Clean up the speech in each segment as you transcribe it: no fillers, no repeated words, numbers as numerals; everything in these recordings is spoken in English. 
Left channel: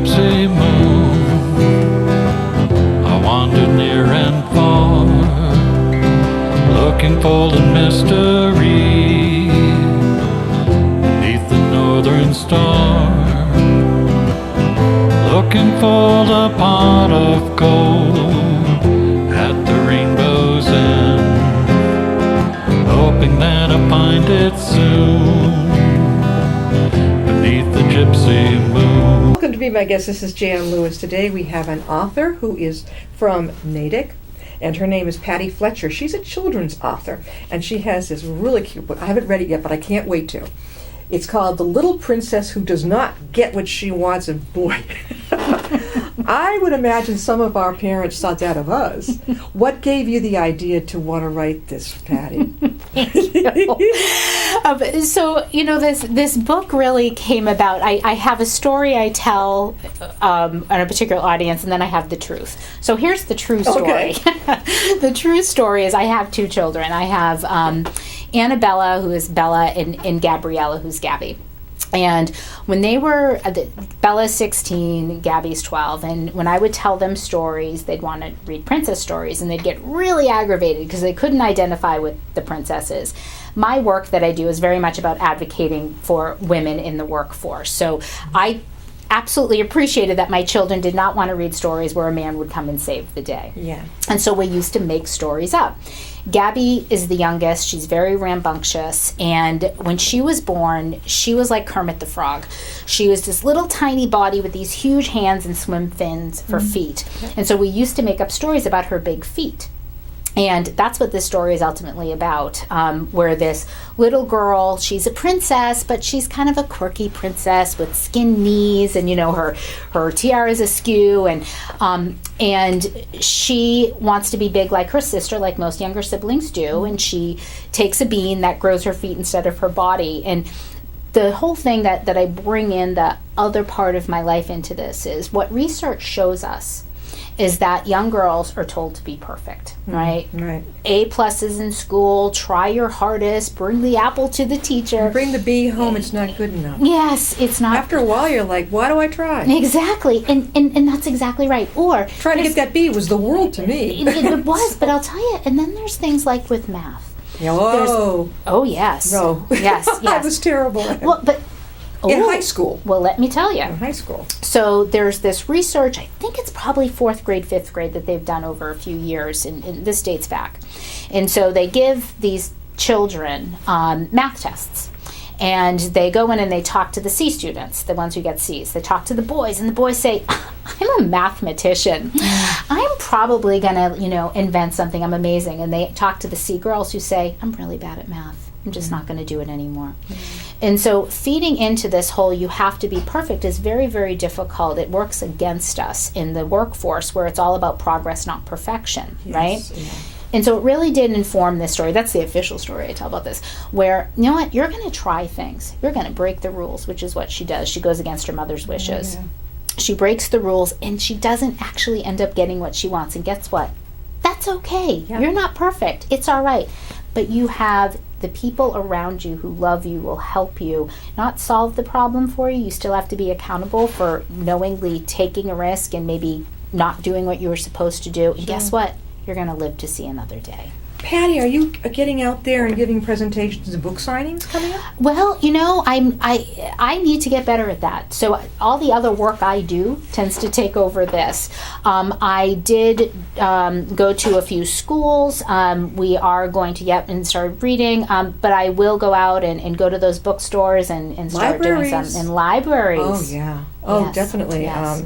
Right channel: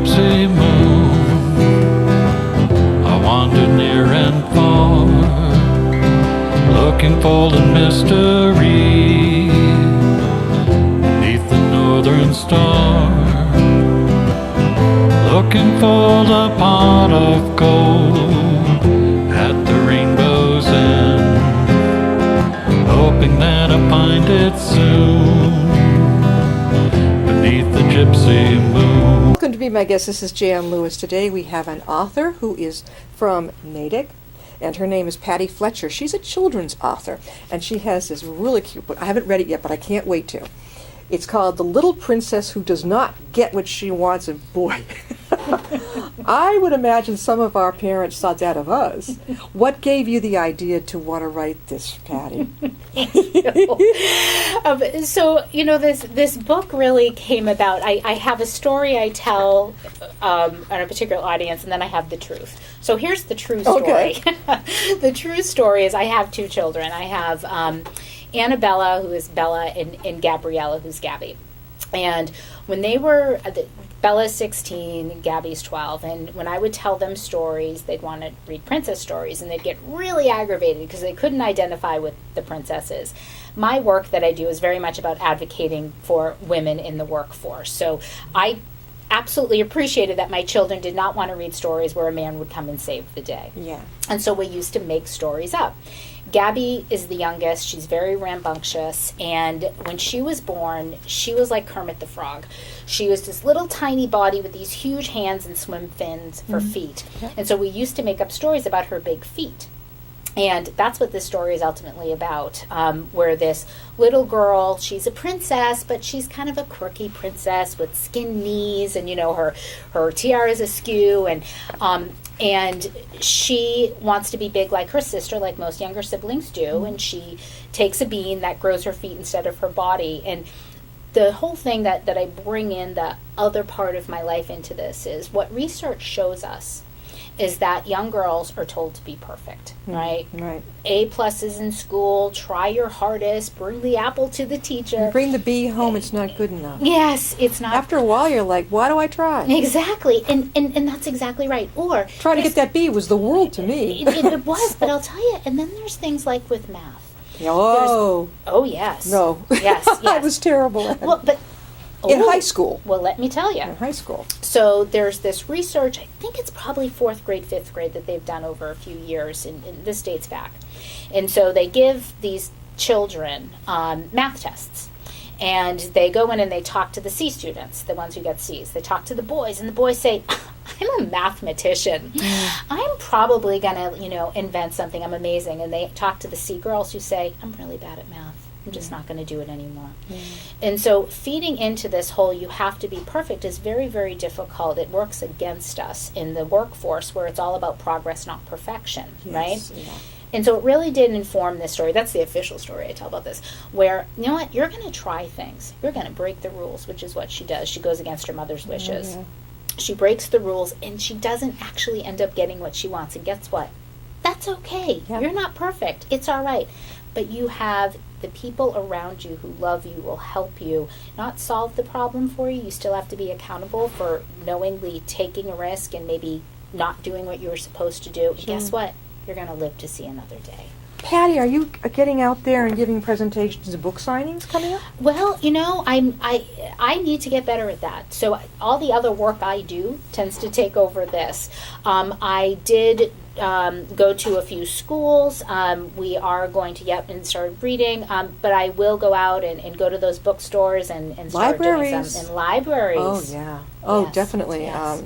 gypsy moon, I wandered near and far, looking for the mystery beneath the northern star, looking for the pot of gold at the rainbow's end, hoping that I find it soon beneath the gypsy moon. Welcome to Be My Guest. This is Jan Lewis. Today we have an author who is from Natick, and her name is Patty Fletcher. She's a children's author, and she has this really cute book. I haven't read it yet, but I can't wait to. It's called The Little Princess Who Does Not Get What She Wants, and boy, I would imagine some of our parents thought that of us. What gave you the idea to want to write this, Patty? So, this book really came about. I have a story I tell on a particular audience, and then I have the truth. So here's the true story. Okay. The true story is I have two children. I have Annabella, who is Bella, and Gabriella, who's Gabby. And when they were, Bella's 16, Gabby's 12, and when I would tell them stories, they'd want to read princess stories, and they'd get really aggravated because they couldn't identify with the princesses. My work that I do is very much about advocating for women in the workforce. So I absolutely appreciated that my children did not want to read stories where a man would come and save the day. Yeah. And so we used to make stories up. Gabby is the youngest. She's very rambunctious. And when she was born, she was like Kermit the Frog. She was this little tiny body with these huge hands and swim fins for feet. And so we used to make up stories about her big feet. And that's what this story is ultimately about, where this little girl, she's a princess, but she's kind of a quirky princess with skin knees, and her tiara's askew, and she wants to be big like her sister, like most younger siblings do, and she takes a bean that grows her feet instead of her body. And the whole thing that I bring in, the other part of my life into this, is what research shows us is that young girls are told to be perfect, right? Right. A+ in school, try your hardest, bring the apple to the teacher. Bring the B home, it's not good enough. Yes, it's not. After a while, you're like, why do I try? Exactly, and that's exactly right. Or Trying to get that B was the world to me. it was, but I'll tell you, and then there's things like with math. Oh. Oh, yes. No. Yes, That yes. was terrible. Well, but... In Ooh. high school. Well, let me tell you. In high school. So there's this research, I think it's probably 4th grade, 5th grade, that they've done over a few years, and this dates back. And so they give these children math tests. And they go in and they talk to the C students, the ones who get C's. They talk to the boys, and the boys say, I'm a mathematician. I'm probably going to, invent something. I'm amazing. And they talk to the C girls who say, I'm really bad at math. I'm just not going to do it anymore. And so feeding into this whole you have to be perfect is very, very difficult. It works against us in the workforce where it's all about progress, not perfection, right? Yeah. And so it really did inform this story. That's the official story I tell about this, where, you know what, you're going to try things. You're going to break the rules, which is what she does. She goes against her mother's wishes. Yeah. She breaks the rules, and she doesn't actually end up getting what she wants. And guess what? That's okay. Yeah. You're not perfect. It's all right. But you have the people around you who love you, will help you, not solve the problem for you. You still have to be accountable for knowingly taking a risk and maybe not doing what you were supposed to do. And guess what? You're going to live to see another day. Patty, are you getting out there and giving presentations and book signings coming up? Well, I need to get better at that. So all the other work I do tends to take over this. I did go to a few schools. We are going to get and start reading, but I will go out and go to those bookstores and start doing some in libraries. Oh, yeah. Oh, Yes, definitely. yes.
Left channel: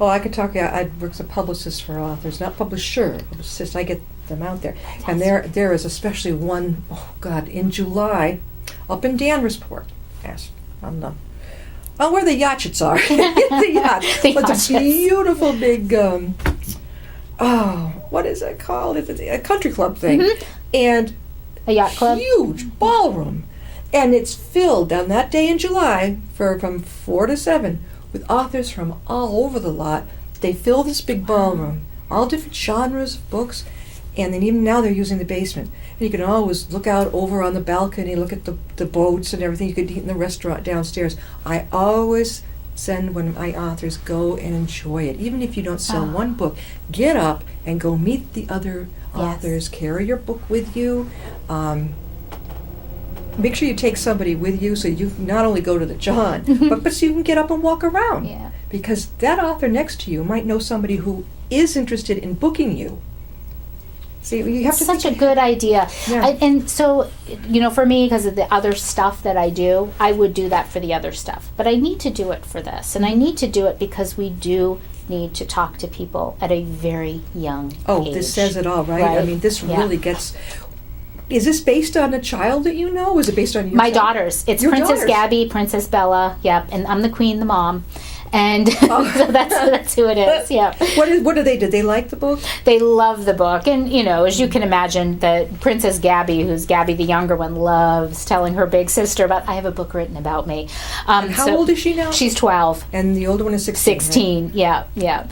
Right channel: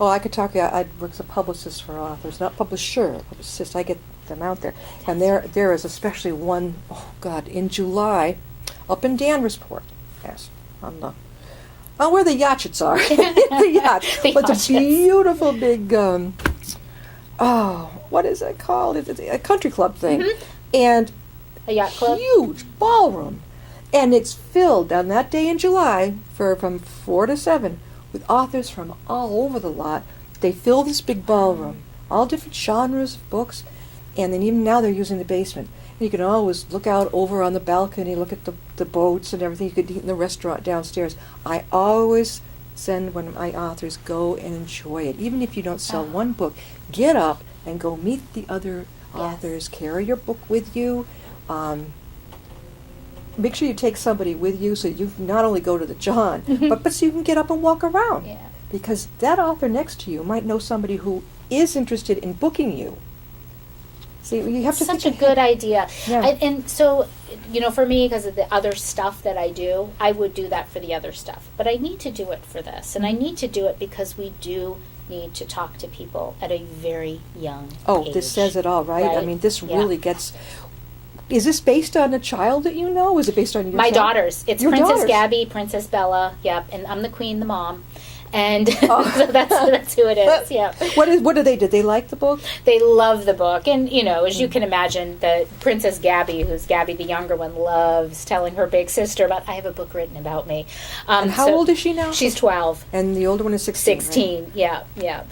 I could talk. I work as a publicist for authors, not publisher, publicist. I get them out there, and there is especially one. Oh God! In July, up in Danvers-Port. Yes, where the yachts are. The yacht. It's a beautiful big. What is it called? It's a country club thing, and A yacht club? huge ballroom, and it's filled on that day in July from 4 to 7 with authors from all over the lot. They fill this big ballroom, all different genres of books, and then even now they're using the basement. And you can always look out over on the balcony, look at the boats and everything. You could eat in the restaurant downstairs. I always send when my authors go and enjoy it. Even if you don't sell one book, get up and go meet the other authors. Carry your book with you. Make sure you take somebody with you so you can not only go to the John, but so you can get up and walk around. Yeah. Because that author next to you might know somebody who is interested in booking you. See, you have It's to such a good idea. Yeah. And so, for me, because of the other stuff that I do, I would do that for the other stuff. But I need to do it for this. And I need to do it because we do need to talk to people at a very young age. This says it all, right? I mean, this really gets... Is this based on a child that you know? Is it based on your My child? daughters. It's Your Princess daughters. Gabby, Princess Bella, yep. And I'm the queen, the mom. And so that's who it is, yeah. What do they do? They like the book? They love the book. And, as you can imagine, that Princess Gabby, who's Gabby the younger one, loves telling her big sister about, I have a book written about me. And how old is she now? She's 12. And the older one is 16. 16, right? yeah.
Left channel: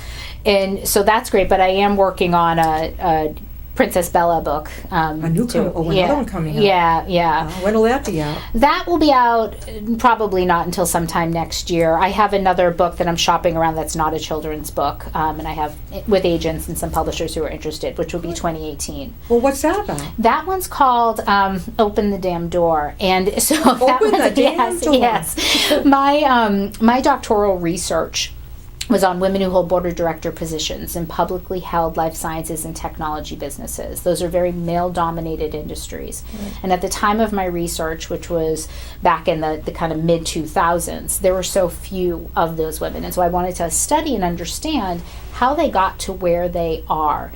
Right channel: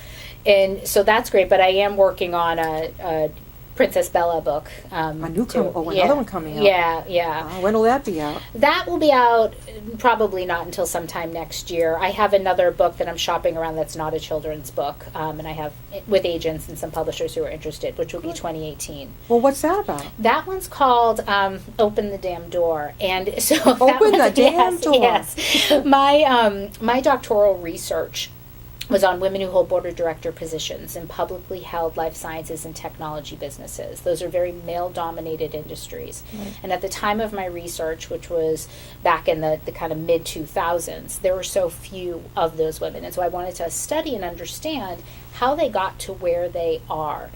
And so that's great, but I am working on a Princess Bella book. A newcomer. Another one coming out. Yeah. When will that be out? That will be out probably not until sometime next year. I have another book that I'm shopping around that's not a children's book, and I have with agents and some publishers who are interested, which will be 2018. Well, what's that about? That one's called Open the Damn Door. And so Open the damn door. Yes. My doctoral research was on women who hold board of director positions in publicly held life sciences and technology businesses. Those are very male-dominated industries. And at the time of my research, which was back in the kind of mid-2000s, there were so few of those women. And so I wanted to study and understand how they got to where they are,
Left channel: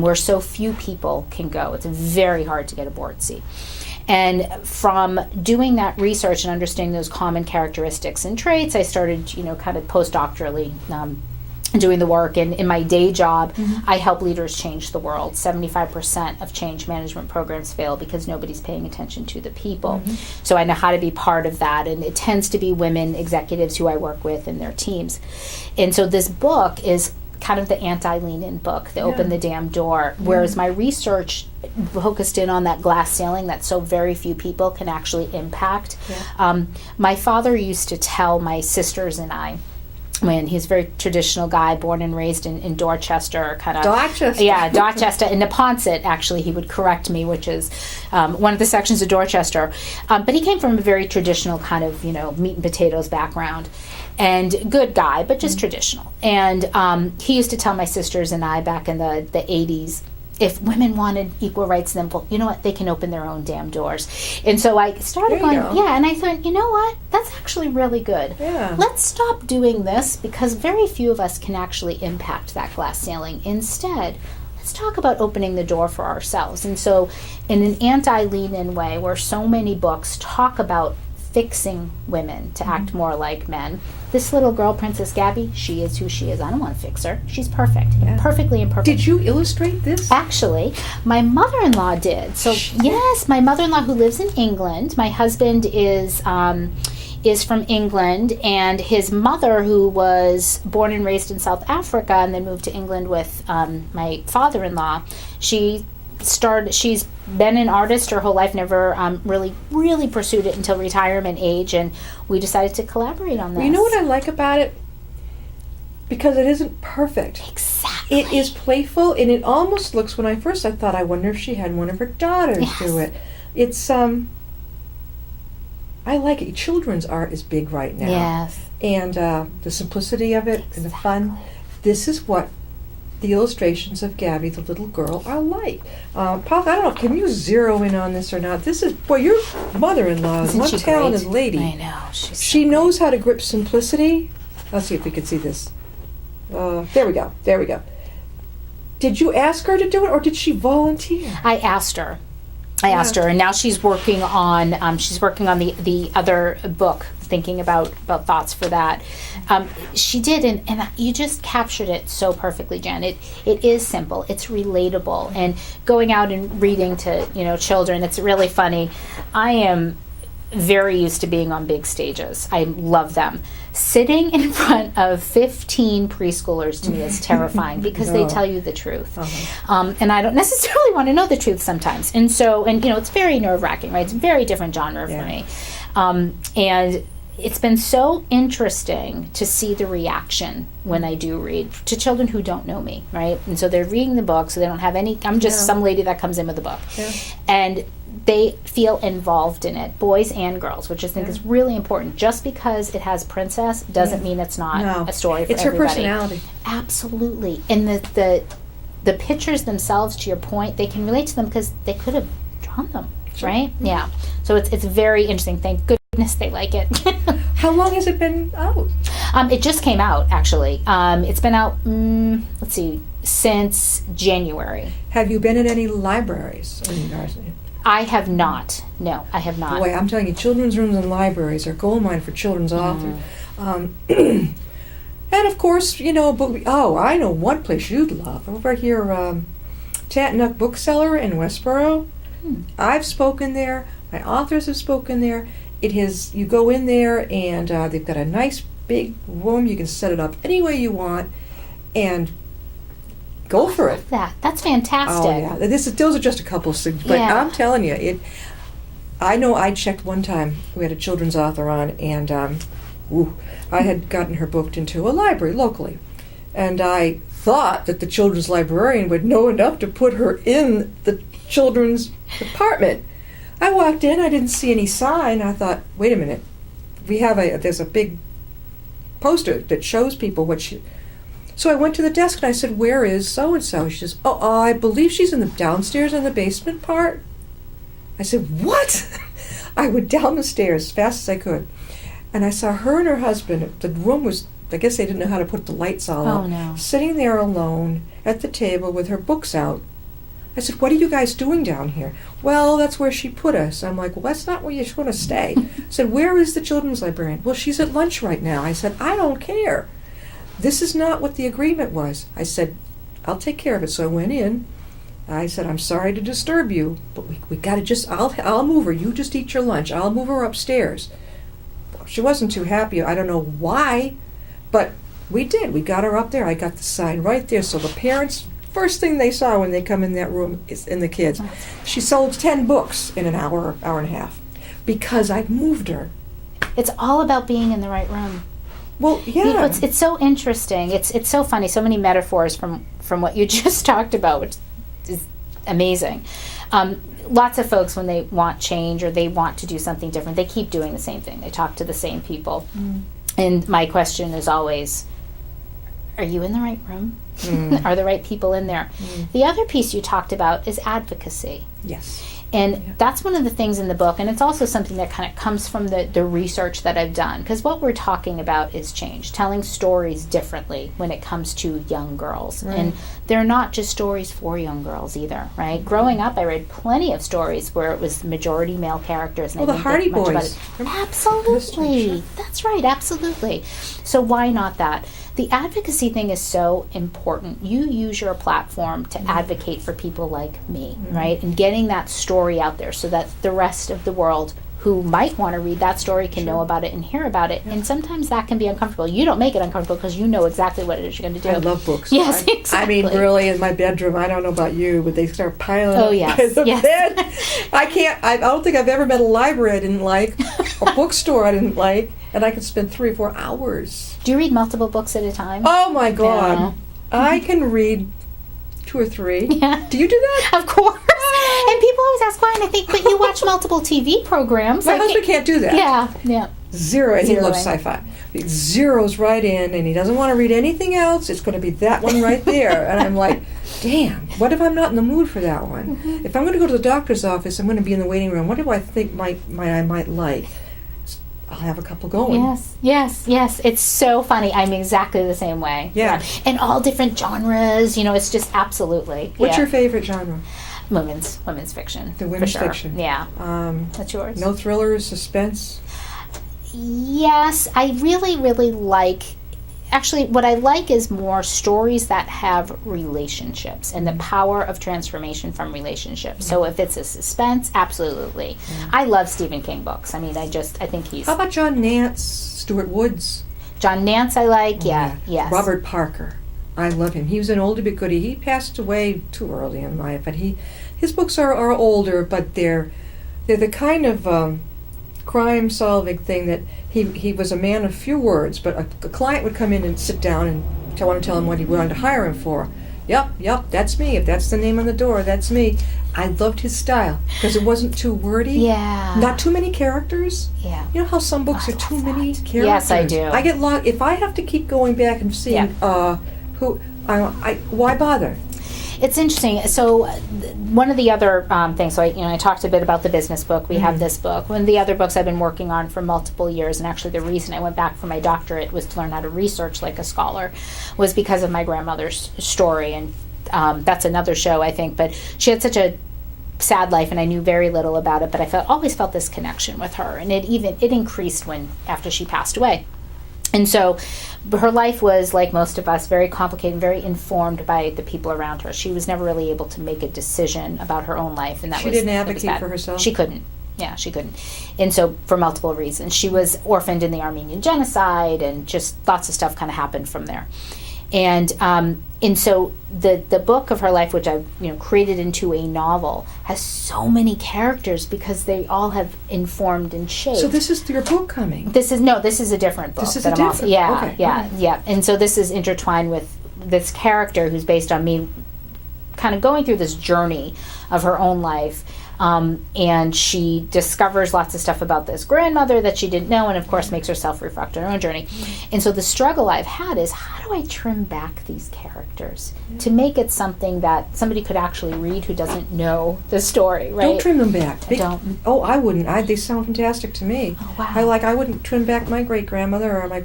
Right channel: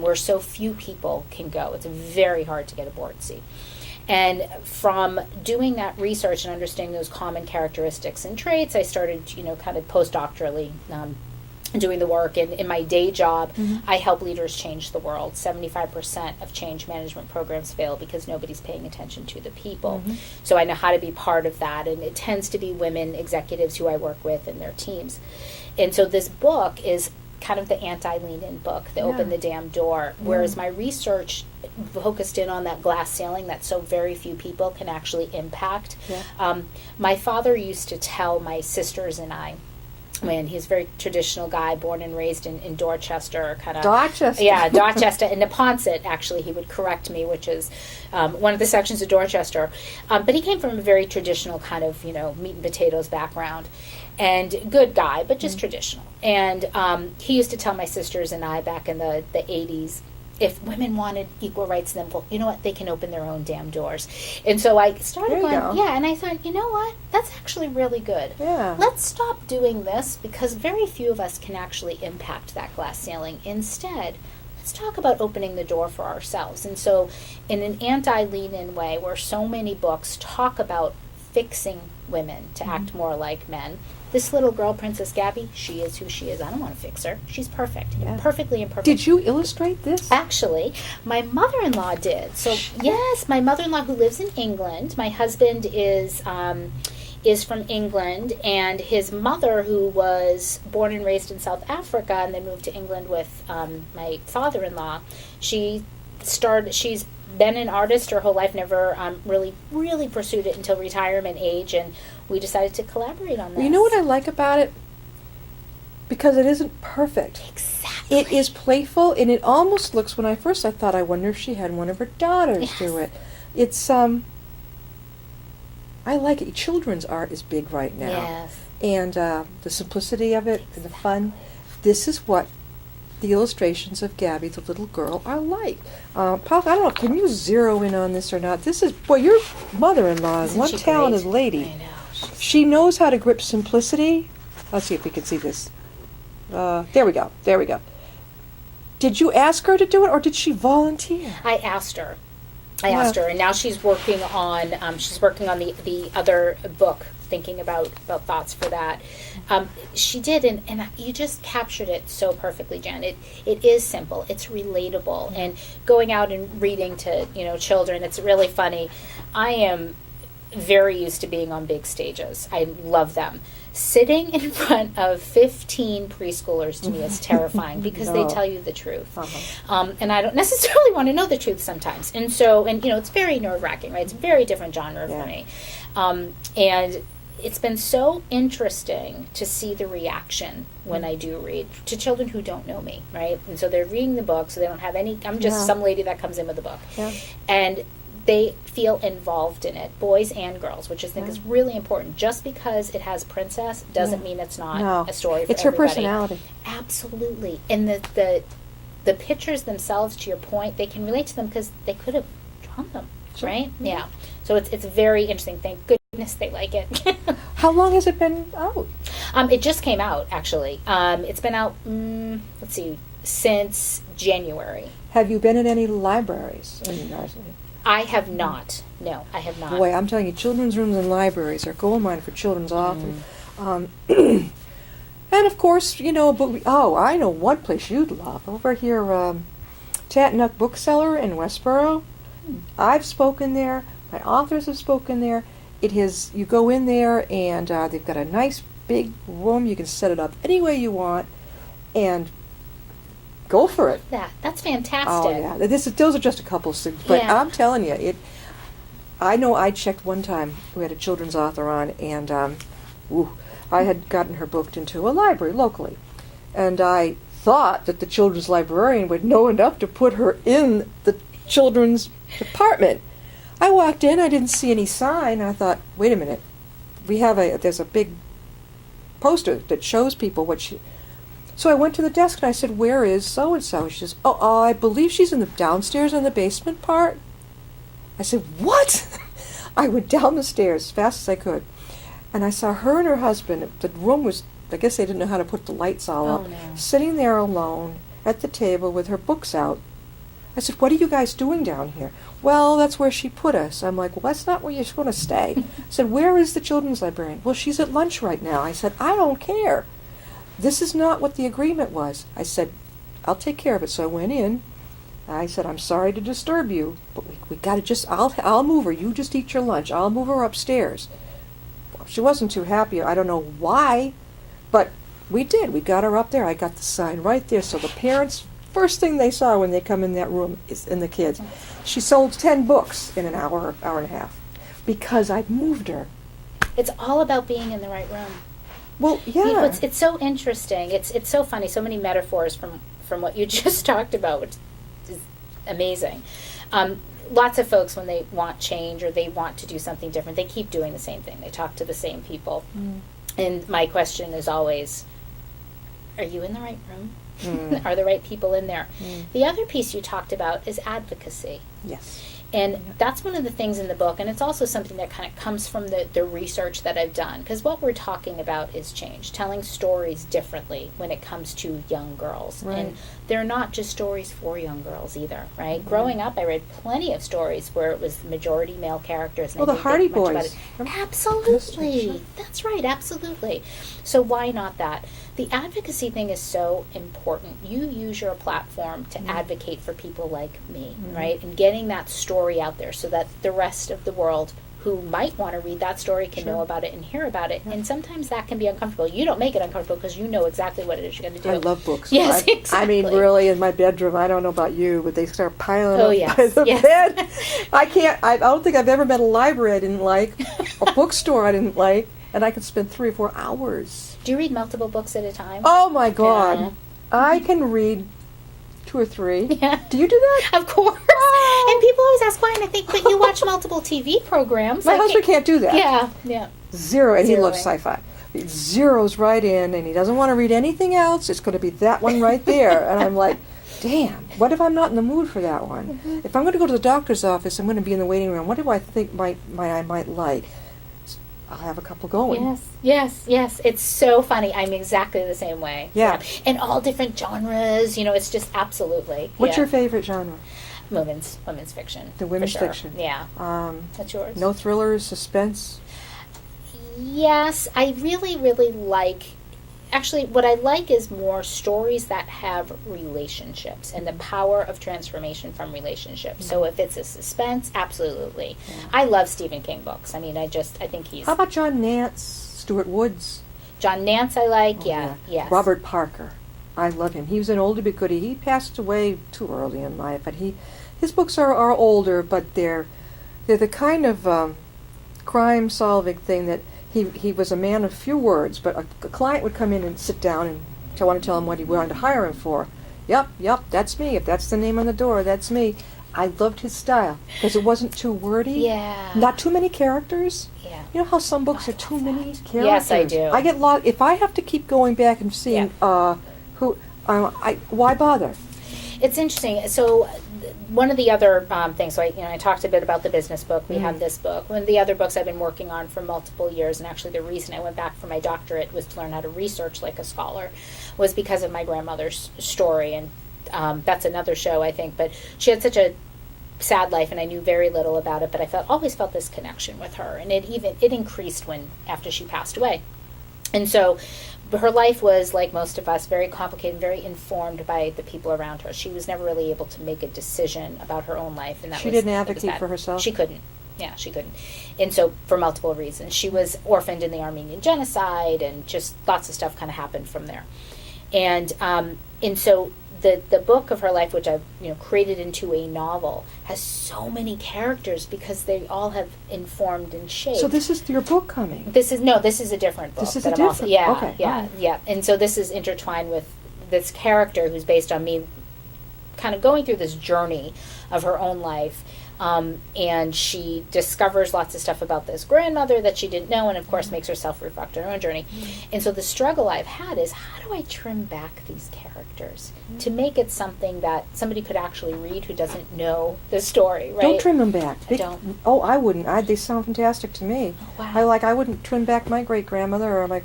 where so few people can go. It's very hard to get a board seat. And from doing that research and understanding those common characteristics and traits, I started, kind of postdoctorally doing the work. And in my day job, I help leaders change the world. 75% of change management programs fail because nobody's paying attention to the people. So I know how to be part of that. And it tends to be women executives who I work with and their teams. And so this book is kind of the anti-lean-in book, the Open the Damn Door, whereas my research focused in on that glass ceiling that so very few people can actually impact. My father used to tell my sisters and I, when he's a very traditional guy, born and raised in Dorchester, Dorchester. Yeah, Dorchester. In Neponset, actually, he would correct me, which is one of the sections of Dorchester. But he came from a very traditional kind of, meat and potatoes background. And good guy, but just traditional. And he used to tell my sisters and I back in the 80s, if women wanted equal rights, then, well, you know what, they can open their own damn doors. And so I started going, and I thought, you know what, that's actually really good. Yeah. Let's stop doing this because very few of us can actually impact that glass ceiling. Instead, let's talk about opening the door for ourselves. And so in an anti-lean-in way, where so many books talk about fixing women to act more like men, this little girl, Princess Gabby, she is who she is. I don't want to fix her. She's perfect. Perfectly imperfect. Did you illustrate this? Actually, my mother-in-law did. So, yes, my mother-in-law who lives in England. My husband is from England, and his mother, who was born and raised in South Africa and then moved to England with my father-in-law, she's been an artist her whole life, never really pursued it until retirement age, and we decided to collaborate on this. You know what I like about it? Because it isn't perfect. Exactly. It is playful, and it almost looks, I thought, I wonder if she had one of her daughters do it. It's, I like it. Children's art is big right now. Yes. And the simplicity of it and the fun. This is what the illustrations of Gabby, the little girl, are like. Pop, I don't know, can you zero in on this or not? This is, your mother-in-law is one talented lady. I know. She knows how to grip simplicity. Let's see if we can see this. There we go. Did you ask her to do it, or did she volunteer? I asked her, and now she's working on the other book, thinking about thoughts for that. She did, and you just captured it so perfectly, Jen. It is simple, it's relatable, and going out and reading to children, it's really funny. I am very used to being on big stages. I love them. Sitting in front of 15 preschoolers to me is terrifying because they tell you the truth. And I don't necessarily want to know the truth sometimes. And so, it's very nerve-wracking, right? It's a very different genre for me. And it's been so interesting to see the reaction when I do read to children who don't know me, right? And so they're reading the book, so they don't have any, I'm just some lady that comes in with a book. Yeah. And they feel involved in it, boys and girls, which I think is really important. Just because it has princess doesn't mean it's not a story for it's everybody. It's her personality. Absolutely. And the pictures themselves, to your point, they can relate to them because they could have drawn them, right? Yeah. So it's very interesting. Thank goodness they like it. How long has it been out? It just came out, actually. It's been out, let's see, since January. Have you been in any libraries in yours? I have not. No, I have not. Boy, I'm telling you, children's rooms and libraries are gold mine for children's authors. And of course, you know, I know one place you'd love. Over here, Tatnuck Bookseller in Westboro. I've spoken there. My authors have spoken there. You go in there and they've got a nice big room. You can set it up any way you want and go for it. That's fantastic. Oh yeah, those are just a couple of things, but I'm telling you, I know I checked one time. We had a children's author on, and I had gotten her booked into a library locally, and I thought that the children's librarian would know enough to put her in the children's department. I walked in, I didn't see any sign. I thought, wait a minute, there's a big poster that shows people what she. So I went to the desk and I said, where is so-and-so? She says, I believe she's in the downstairs in the basement part. I said, what? I went down the stairs as fast as I could. And I saw her and her husband. The room was, I guess they didn't know how to put the lights all up. No. Sitting there alone at the table with her books out. I said, what are you guys doing down here? Well, that's where she put us. I'm like, well, that's not where you want to stay. I said, where is the children's librarian? Well, she's at lunch right now. I said, I don't care. This is not what the agreement was. I said, I'll take care of it. So I went in. I said, I'm sorry to disturb you, but we got to I'll move her. You just eat your lunch. I'll move her upstairs. She wasn't too happy. I don't know why, but we did. We got her up there. I got the sign right there. So the parents, first thing they saw when they come in that room is in the kids. She sold 10 books in an hour and a half because I moved her. It's all about being in the right room. Well, yeah. You know, it's so interesting. It's so funny. So many metaphors from what you just talked about, which is amazing. Lots of folks, when they want change or they want to do something different, they keep doing the same thing. They talk to the same people. And my question is always, are you in the right room? Are the right people in there? The other piece you talked about is advocacy. Yes. And that's one of the things in the book, and it's also something that kind of comes from the research that I've done, because what we're talking about is change, telling stories differently when it comes to young girls. Right. And they're not just stories for young girls either, right? Growing up, I read plenty of stories where it was majority male characters. And Well, the Hardy Boys. Absolutely. That's right, absolutely. So why not that? The advocacy thing is so important. You use your platform to advocate for people like me, right? And getting that story out there so that the rest of the world who might want to read that story can know about it and hear about it. And sometimes that can be uncomfortable. You don't make it uncomfortable because you know exactly what it is you're going to do. I love books. Yes, I exactly. mean, really, in my bedroom, I don't know about you, but they start piling Oh, up yes, by the yes. bed. I don't think I've ever met a library I didn't like, a bookstore I didn't like, and I could spend 3 or 4 hours. Do you read multiple books at a time? Oh, my God. Yeah. I can read 2 or 3. Yeah. Do you do that? Of course. And people always ask why, and I think, but you watch multiple TV programs. My husband can't do that. Yeah. Zero, and he Zeroing. loves sci-fi. He zeroes right in, and he doesn't want to read anything else. It's going to be that one right there. And I'm like, damn, what if I'm not in the mood for that one? If I'm going to go to the doctor's office, I'm going to be in the waiting room. What do I think I might like? I'll have a couple going. Yes. It's so funny. I'm exactly the same way. Yeah. And all different genres. It's just absolutely. What's your favorite genre? Women's fiction. The women's for sure. fiction. Yeah. That's yours. No thrillers, suspense? Yes, I really, really like. Actually, what I like is more stories that have relationships and the power of transformation from relationships. So if it's a suspense, absolutely. I love Stephen King books. I mean, I think he's... How about John Nance, Stuart Woods? John Nance I like, yes. Robert Parker. I love him. He was an oldie but goodie. He passed away too early in life, but his books are older, but they're the kind of crime-solving thing that he was a man of few words, but a client would come in and sit down and want to tell him what he wanted to hire him for. Yep, that's me. If that's the name on the door, that's me. I loved his style because it wasn't too wordy. Yeah. Not too many characters. Yeah. You know how some books are too many characters? Yes, I do. I get lost. If I have to keep going back and seeing why bother? It's interesting. So one of the other things, so I talked a bit about the business book. We have this book. One of the other books I've been working on for multiple years, and actually the reason I went back for my doctorate was to learn how to research like a scholar, was because of my grandmother's story. And that's another show, I think. But she had such a sad life, and I knew very little about it. But I always felt this connection with her, and it increased after she passed away. And so her life was, like most of us, very complicated, very informed by the people around her. She was never really able to make a decision about her own life, and she didn't advocate for herself. She couldn't. Yeah, she couldn't. And so for multiple reasons. She was orphaned in the Armenian genocide, and just lots of stuff kind of happened from there. And so the book of her life, which I've created into a novel, has so many characters because they all have informed and shaped. So this is your book coming? This is a different book. This is a different. Yeah. And so this is intertwined with this character who's based on me, kind of going through this journey of her own life. And she discovers lots of stuff about this grandmother that she didn't know, and of course makes herself reflect on her own journey. And so the struggle I've had is, how do I trim back these characters to make it something that somebody could actually read who doesn't know the story, right? Don't trim them back. Don't. Oh, I wouldn't. They sound fantastic to me. Oh, wow. I wouldn't trim back my great-grandmother, or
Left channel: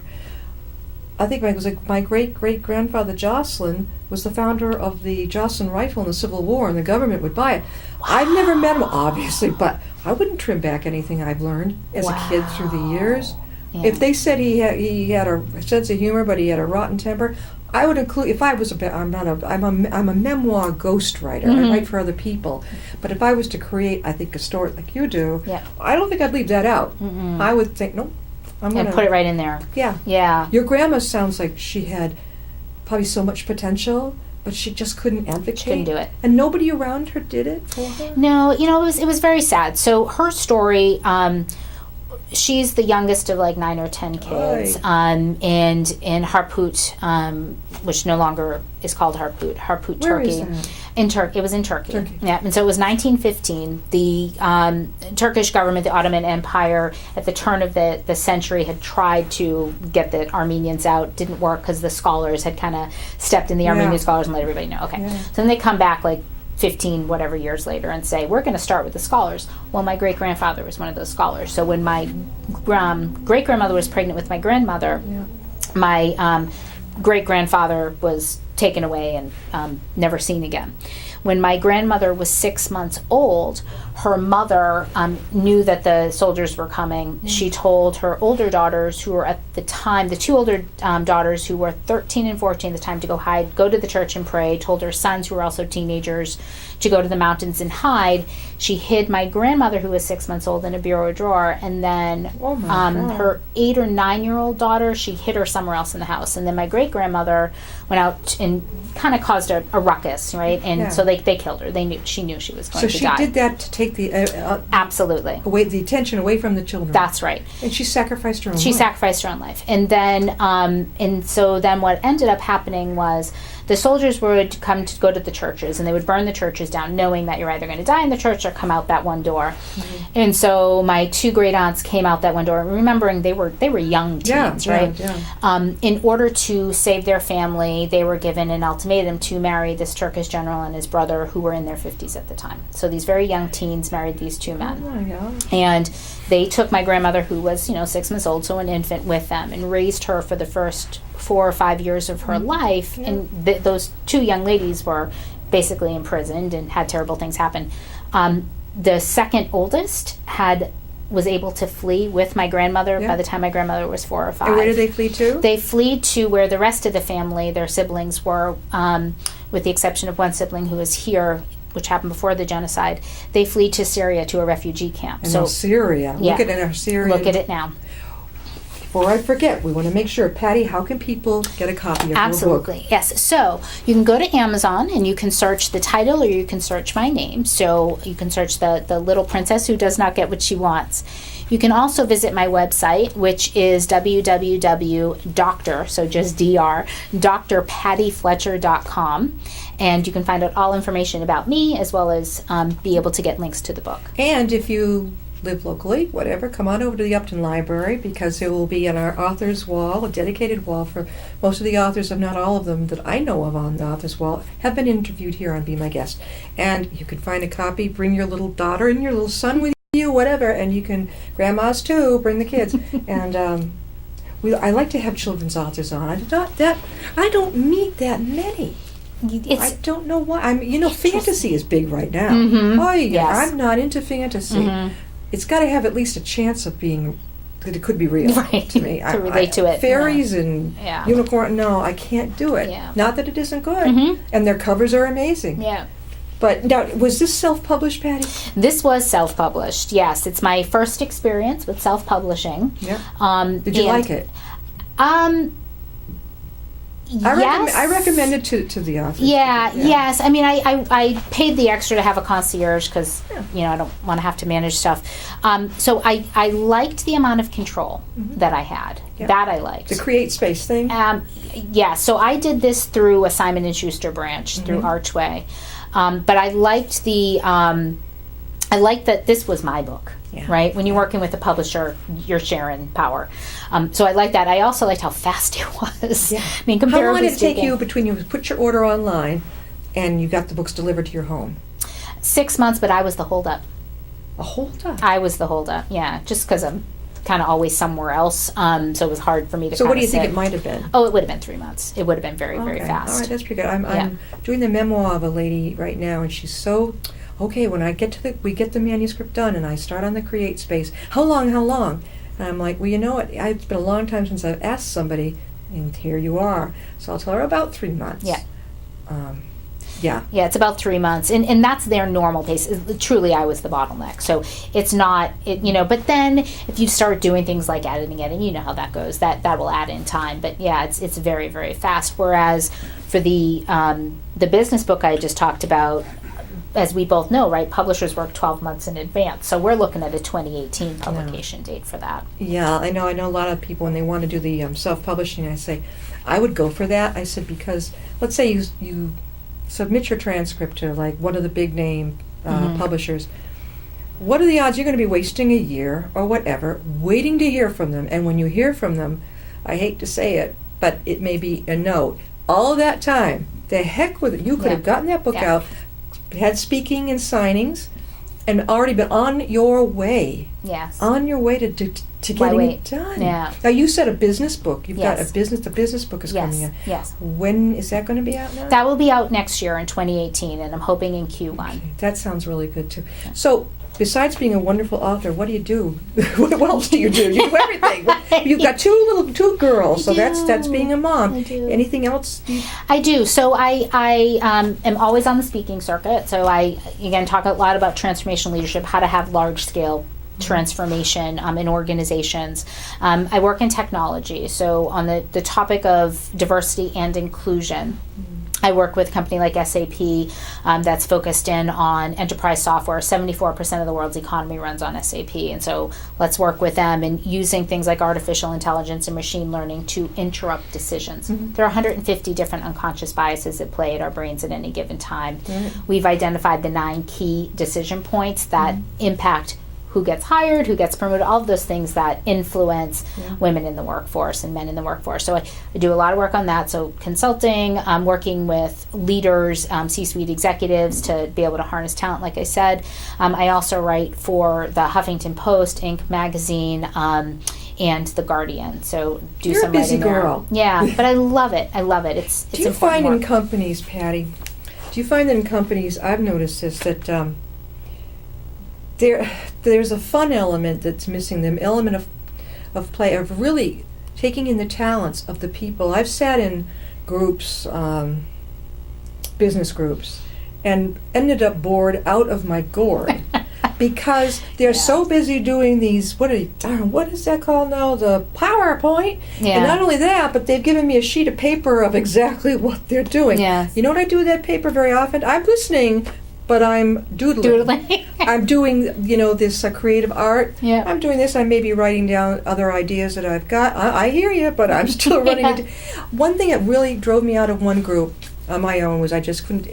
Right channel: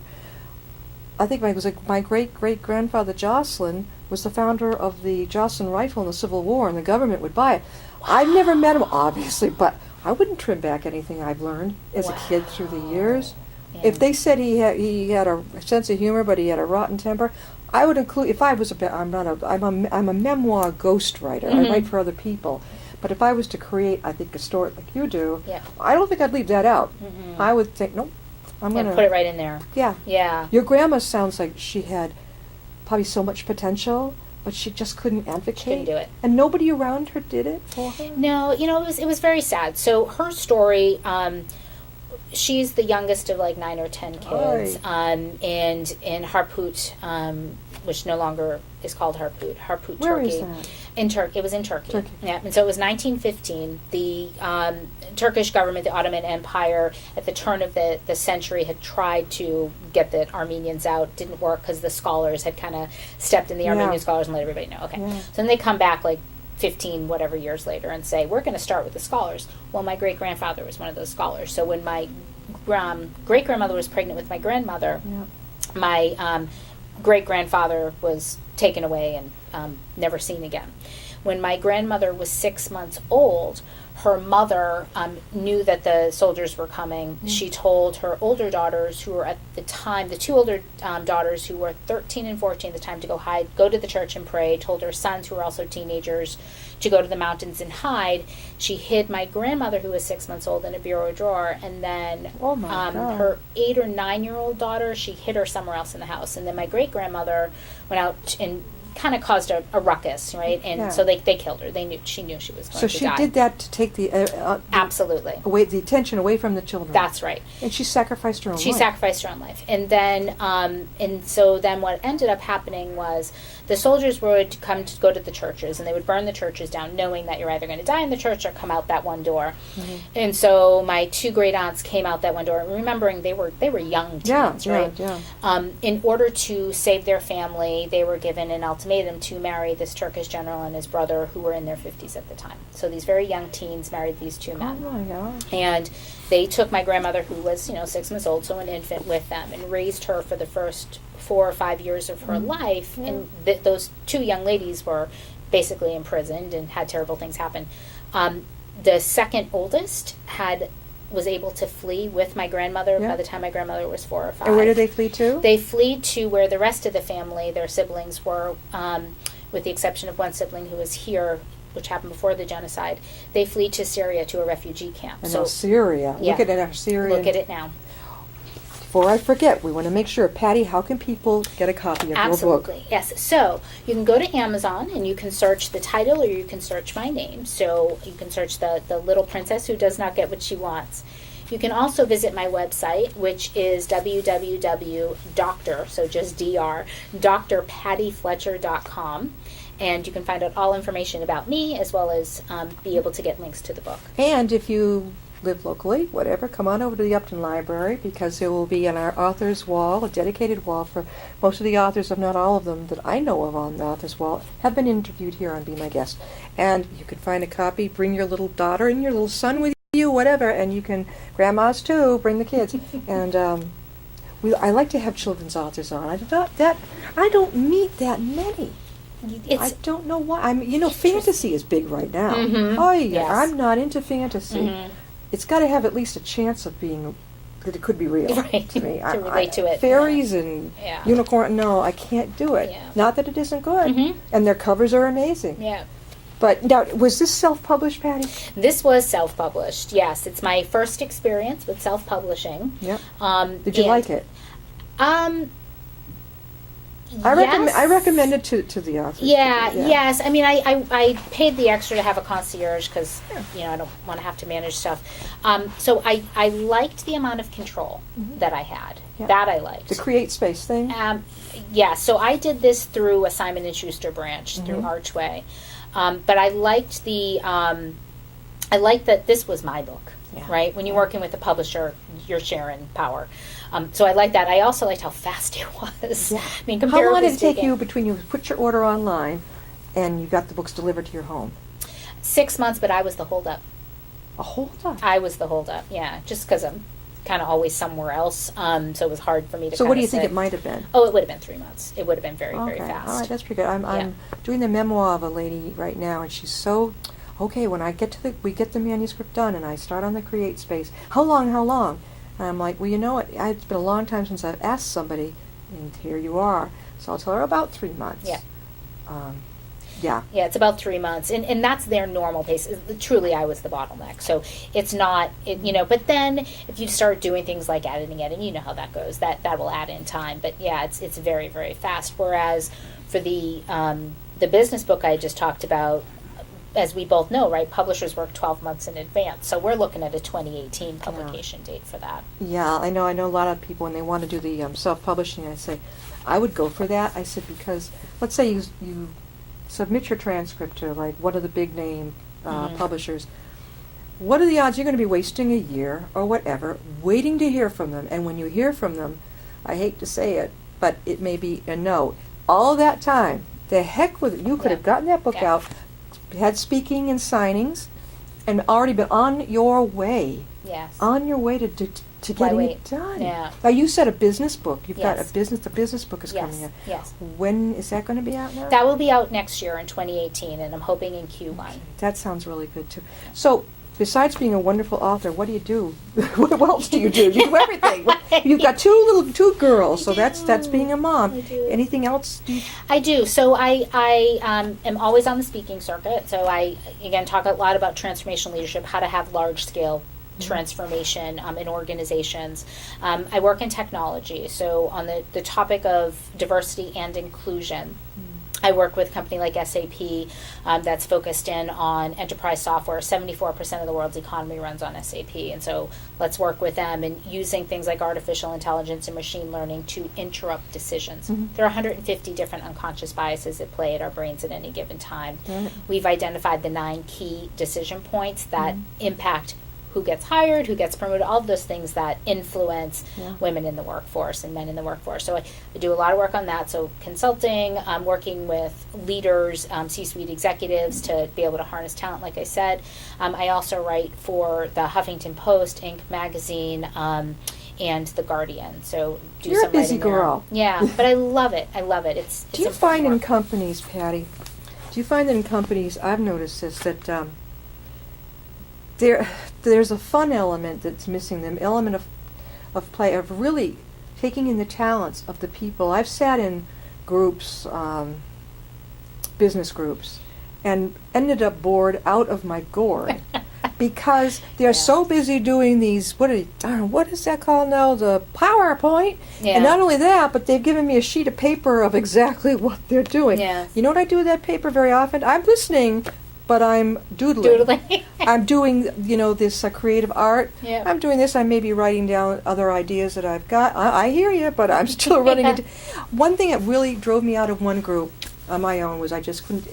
I think it was my great-great-grandfather Jocelyn was the founder of the Jocelyn rifle in the Civil War, and the government would buy it. I've never met him, obviously, but I wouldn't trim back anything I've learned as a kid through the years. Yeah. If they said he had a sense of humor, but he had a rotten temper, I would include. If I was I'm a memoir ghostwriter. I write for other people, but if I was to create, I think, a story like you do, I don't think I'd leave that out. I would think, nope, I'm gonna put it right in there. Yeah. Your grandma sounds like she had probably so much potential, but she just couldn't advocate. She couldn't do it. And nobody around her did it for her? No, it was very sad. So her story, she's the youngest of like 9 or 10 kids. And in Harput, which no longer is called Harput, Where Turkey. is that? It was in Turkey. Yeah, and so it was 1915. The Turkish government, the Ottoman Empire, at the turn of the century, had tried to get the Armenians out. Didn't work because the scholars had kind of stepped in the Armenian scholars and let everybody know. Okay, so then they come back like 15 whatever years later and say, we're going to start with the scholars. Well, my great-grandfather was one of those scholars. So when my great-grandmother was pregnant with my grandmother, my great-grandfather was taken away and never seen again. When my grandmother was 6 months old, her mother knew that the soldiers were coming. She told her older daughters, who were at the time, the two older daughters who were 13 and 14 at the time, to go to the church and pray. Told her sons, who were also teenagers, to go to the mountains and hide. She hid my grandmother, who was 6 months old, in a bureau drawer, and then her 8 or 9-year-old daughter, she hid her somewhere else in the house. And then my great-grandmother went out and kind of caused a ruckus, right? And so they killed her. She knew she was going to die. So she did that to take the absolutely the attention away from the children. That's right. And she sacrificed her own life. She sacrificed her own life. And then and so then what ended up happening was the soldiers would come to go to the churches, and they would burn the churches down, knowing that you're either going to die in the church or come out that one door. And so my two great aunts came out that one door, remembering they were young teens, right? In order to save their family, they were given an ultimatum to marry this Turkish general and his brother, who were in their 50s at the time. So these very young teens married these two men. Oh my God. And they took my grandmother, who was 6 months old, so an infant, with them, and raised her for the first 4 or 5 years of her life. And those two young ladies were basically imprisoned and had terrible things happen. The second oldest was able to flee with my grandmother by the time my grandmother was 4 or 5. And where did they flee to? They fled to where the rest of the family, their siblings, were, with the exception of one sibling who was here, which happened before the genocide. They fled to Syria, to a refugee camp. And Syria. Yeah. Look at our Syria. Look at it now. Before I forget, we want to make sure, Patty, how can people get a copy of your book? Absolutely, yes. So you can go to Amazon and you can search the title, or you can search my name. So you can search the Little Princess Who Does Not Get What She Wants. You can also visit my website, which is www.doctor, so just dr, drpattyfletcher.com. And you can find out all information about me, as well as be able to get links to the book. And if you live locally, whatever, come on over to the Upton Library, because there will be on our author's wall, a dedicated wall for most of the authors, if not all of them that I know of on the author's wall, have been interviewed here on Be My Guest. And you can find a copy, bring your little daughter and your little son with you, whatever, and you can, grandmas too, bring the kids. And I like to have children's authors on. I don't meet that many. I don't know why. Fantasy is big right now. Mm-hmm. Oh, yeah, yes. I'm not into fantasy. Mm-hmm. It's got to have at least a chance of being that it could be real Right. to me. To relate to it. Fairies and Yeah. unicorn, no, I can't do it. Yeah. Not that it isn't good. Mm-hmm. And their covers are amazing. Yeah. But now, was this self-published, Patty? This was self-published, yes. It's my first experience with self-publishing. Yeah. Did you and, like it? Yes. I recommend it to the authors. Yeah, yes. I mean, I paid the extra to have a concierge because, I don't want to have to manage stuff. So I liked the amount of control that I had. Yeah. That I liked. The Create Space thing? Yeah, so I did this through a Simon & Schuster branch, through Archway. But I liked I liked that this was my book. Yeah. Right? When you're working with a publisher, you're sharing power. So I like that. I also liked how fast it was. Yeah. I mean, How long comparatively did it take speaking, you between you put your order online and you got the books delivered to your home? 6 months, but I was the holdup. A whole time. I was the holdup, yeah, just because I'm kind of always somewhere else. So it was hard for me to So what do you think it might have been? Oh, it would have been 3 months. It would have been very, very Okay. fast. All right, that's pretty good. I'm doing the memoir of a lady right now, and she's so okay. When I get we get the manuscript done, and I start on the Create Space. How long? And I'm like, well, you know what? It's been a long time since I've asked somebody, and here you are. So I'll tell her about 3 months. Yeah. Yeah. Yeah, it's about 3 months, and that's their normal pace. Truly, I was the bottleneck, so it's not, But then, if you start doing things like editing, you know how that goes. That will add in time. But yeah, it's very, very fast. Whereas for the business book I just talked about, as we both know, right, publishers work 12 months in advance. So we're looking at a 2018 publication date for that. Yeah, I know a lot of people when they want to do the self-publishing. I say, I would go for that. I said because let's say you submit your transcript to like one of the big name publishers. What are the odds you're going to be wasting a year or whatever waiting to hear from them? And when you hear from them, I hate to say it, but it may be a no. All that time, the heck with it. You could have gotten that book out, had speaking and signings, and already been on your way. Yes. On your way to getting it done. Yeah. Now you said a business book. You've got Yes. the business book is coming out. Yes. When is that going to be out now? That will be out next year in 2018, and I'm hoping in Q1. That sounds really good too. So, besides being a wonderful author, what do you do? What else do you do? You do everything. You've got two girls, so that's being a mom. I do. Anything else? I do. So I am always on the speaking circuit. So I, again, talk a lot about transformational leadership, how to have large-scale transformation in organizations. I work in technology. So on the topic of diversity and inclusion, I work with a company like SAP that's focused in on enterprise software. 74% of the world's economy runs on SAP. And so let's work with them in using things like artificial intelligence and machine learning to interrupt decisions. There are 150 different unconscious biases at play at our brains at any given time. We've identified the 9 key decision points that impact who gets hired, who gets promoted, all of those things that influence women in the workforce and men in the workforce. So I do a lot of work on that. So consulting, working with leaders, C-suite executives to be able to harness talent, like I said. I also write for the Huffington Post, Inc. magazine, and The Guardian. So You're some a busy writing there. girl. Yeah, but I love it. It's Do you important find in work. companies, Patty? Do you find that in companies? I've noticed this that. There's a fun element that's missing, the element of play, of really taking in the talents of the people. I've sat in groups, business groups, and ended up bored out of my gourd because they're so busy doing these, what is that called now? The PowerPoint. Yeah. And not only that, but they've given me a sheet of paper of exactly what they're doing. Yes. You know what I do with that paper very often? I'm listening but I'm doodling. Doodling. I'm doing, this creative art. Yeah. I'm doing this. I may be writing down other ideas that I've got. I hear you, but I'm still running into... One thing that really drove me out of one group on my own was I just couldn't...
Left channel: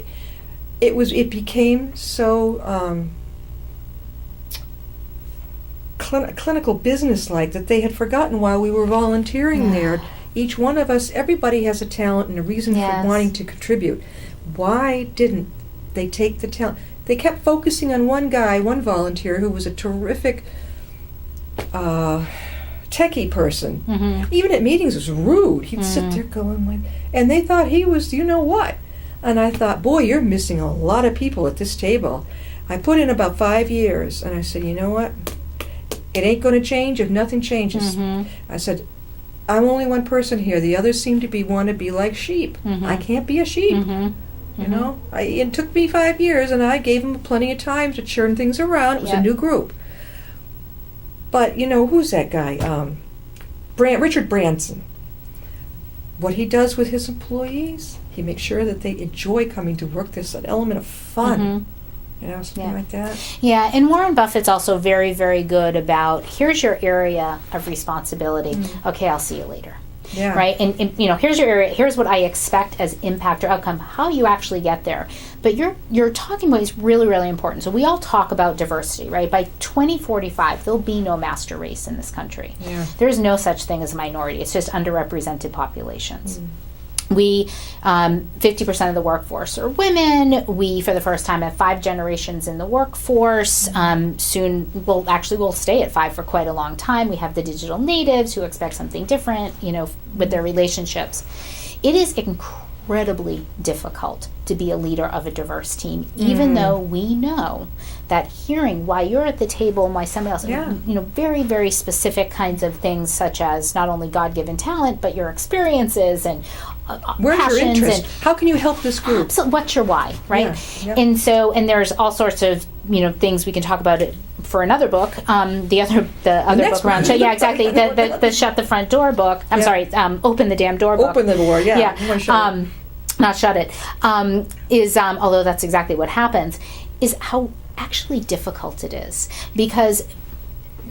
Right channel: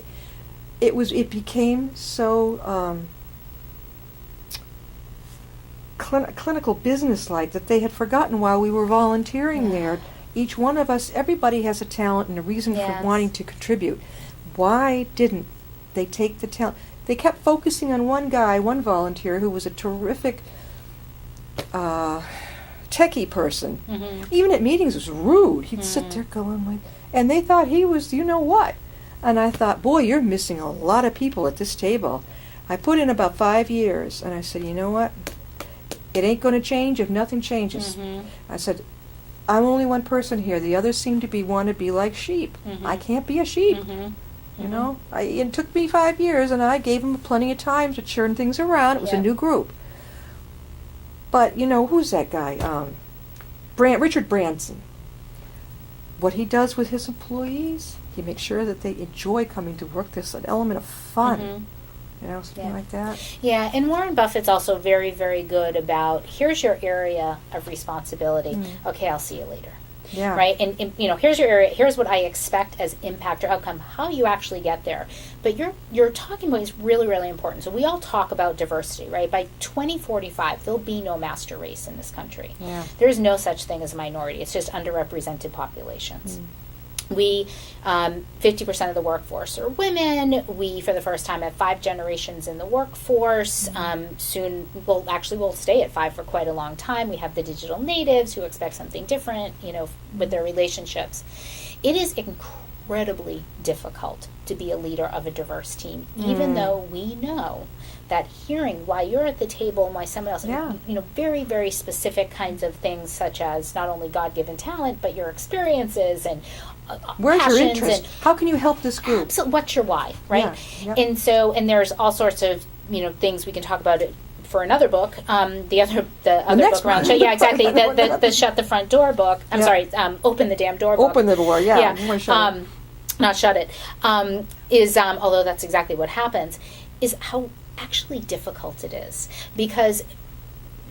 It became so clinical business-like that they had forgotten while we were volunteering there. Each one of us, everybody has a talent and a reason for wanting to contribute. Why didn't they take the talent? They kept focusing on one volunteer who was a terrific techie person. Mm-hmm. Even at meetings, was rude. He'd sit there going like, and they thought he was, what? And I thought, boy, you're missing a lot of people at this table. I put in about 5 years, and I said, you know what? It ain't going to change if nothing changes. Mm-hmm. I said, I'm only one person here. The others seem to want to be like sheep. Mm-hmm. I can't be a sheep. Mm-hmm. It took me 5 years, and I gave them plenty of time to churn things around. It was a new group. But, who's that guy? Richard Branson. What he does with his employees, he makes sure that they enjoy coming to work. There's an element of fun. Something like that. Yeah, and Warren Buffett's also very, very good about, here's your area of responsibility. Okay, I'll see you later. Yeah. Right? And here's your area, here's what I expect as impact or outcome, how you actually get there. But your talking point is really, really important. So we all talk about diversity, right? By 2045, there'll be no master race in this country. Yeah. There's no such thing as a minority. It's just underrepresented populations. We, 50% of the workforce are women. We, for the first time, have 5 generations in the workforce. Soon, we'll stay at 5 for quite a long time. We have the digital natives who expect something different, with their relationships. It is incredibly difficult to be a leader of a diverse team, even though we know that hearing why you're at the table and why somebody else, very, very specific kinds of things, such as not only God-given talent, but your experiences and where's passions your interest? and How can you help this group? absolutely, what's your why, right? Yeah. And there's all sorts of things we can talk about it for another book. The other book around, yeah, exactly. the Shut the Front Door book. I'm sorry, Open the Damn Door book. Open the door, yeah. You wanna shut it. Not shut it. Is although that's exactly what happens, is how actually difficult it is, because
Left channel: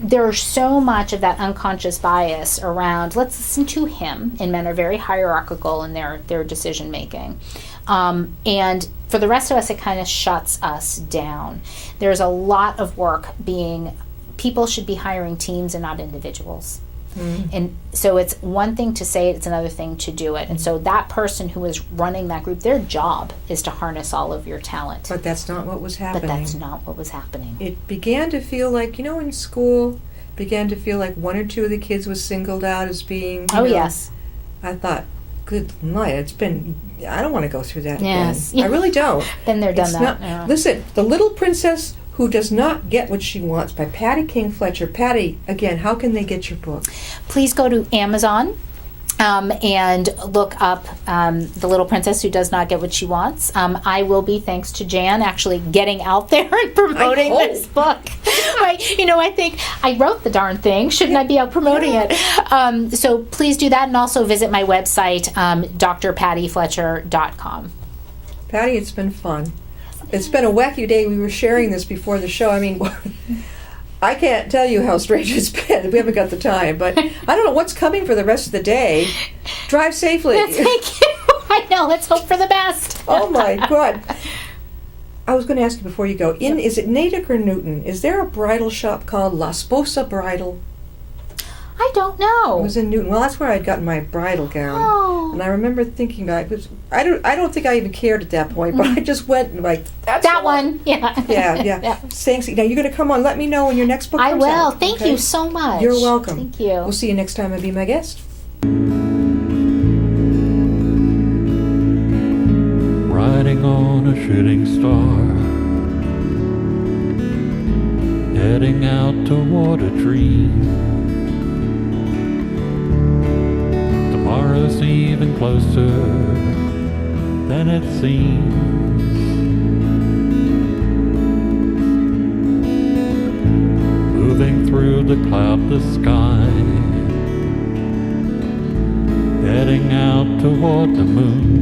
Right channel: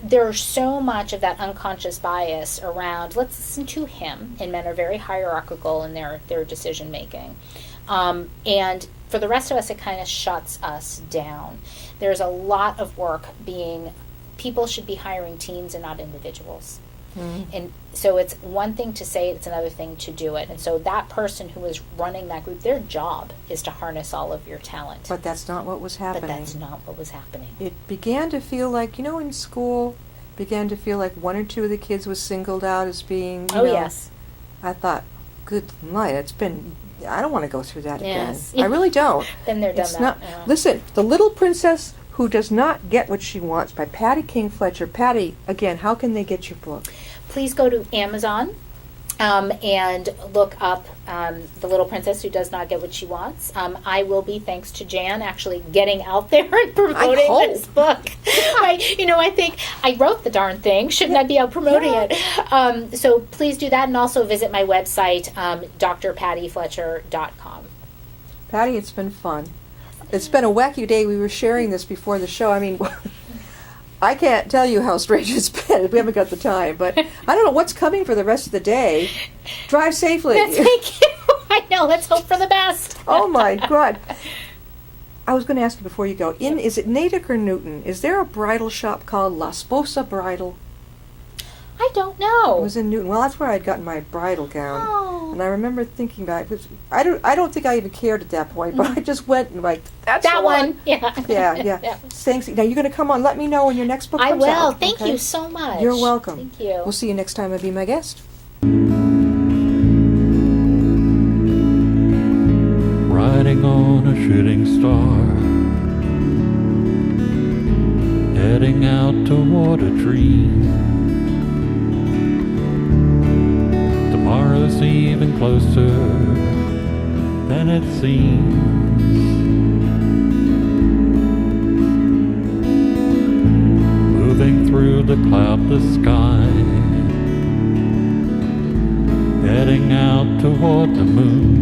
there's so much of that unconscious bias around, let's listen to him, and men are very hierarchical in their decision making. And for the rest of us, it kind of shuts us down. There's a lot of work people should be hiring teams and not individuals. And so it's one thing to say it, it's another thing to do it. And so that person who is running that group, their job is to harness all of your talent. But that's not what was happening. It began to feel like, in school, one or two of the kids was singled out as being, yes. I thought, good night, I don't want to go through that Yes. again. I really don't. Been there, done that. Yeah. Listen, The Little Princess Who Does Not Get What She Wants by Patty King Fletcher. Patty, again, how can they get your book? Please go to Amazon and look up The Little Princess Who Does Not Get What She Wants. I will be, thanks to Jan, actually getting out there and promoting this book. Right? I think I wrote the darn thing. Shouldn't I be out promoting it? So please do that, and also visit my website, drpattyfletcher.com. Patty, it's been fun. It's been a wacky day. We were sharing this before the show. I mean, I can't tell you how strange it's been. We haven't got the time, but I don't know what's coming for the rest of the day. Drive safely. Thank you. I know. Let's hope for the best. Oh my God. I was going to ask you before you go. Is it Natick or Newton? Is there a bridal shop called La Sposa Bridal? I don't know. It was in Newton. Well, that's where I'd gotten my bridal gown. Oh. And I remember thinking about it. I don't think I even cared at that point, but I just went and that's that the one. Yeah. Yeah. Thanks. Now you're going to come on. Let me know when your next book comes out. I will. Thank you so much. You're welcome. Thank you. We'll see you next time. I'll be my guest. Riding on a shooting star, heading out toward a dream. Tomorrow's even closer than it seems. Moving through the cloudless sky, heading out toward the moon.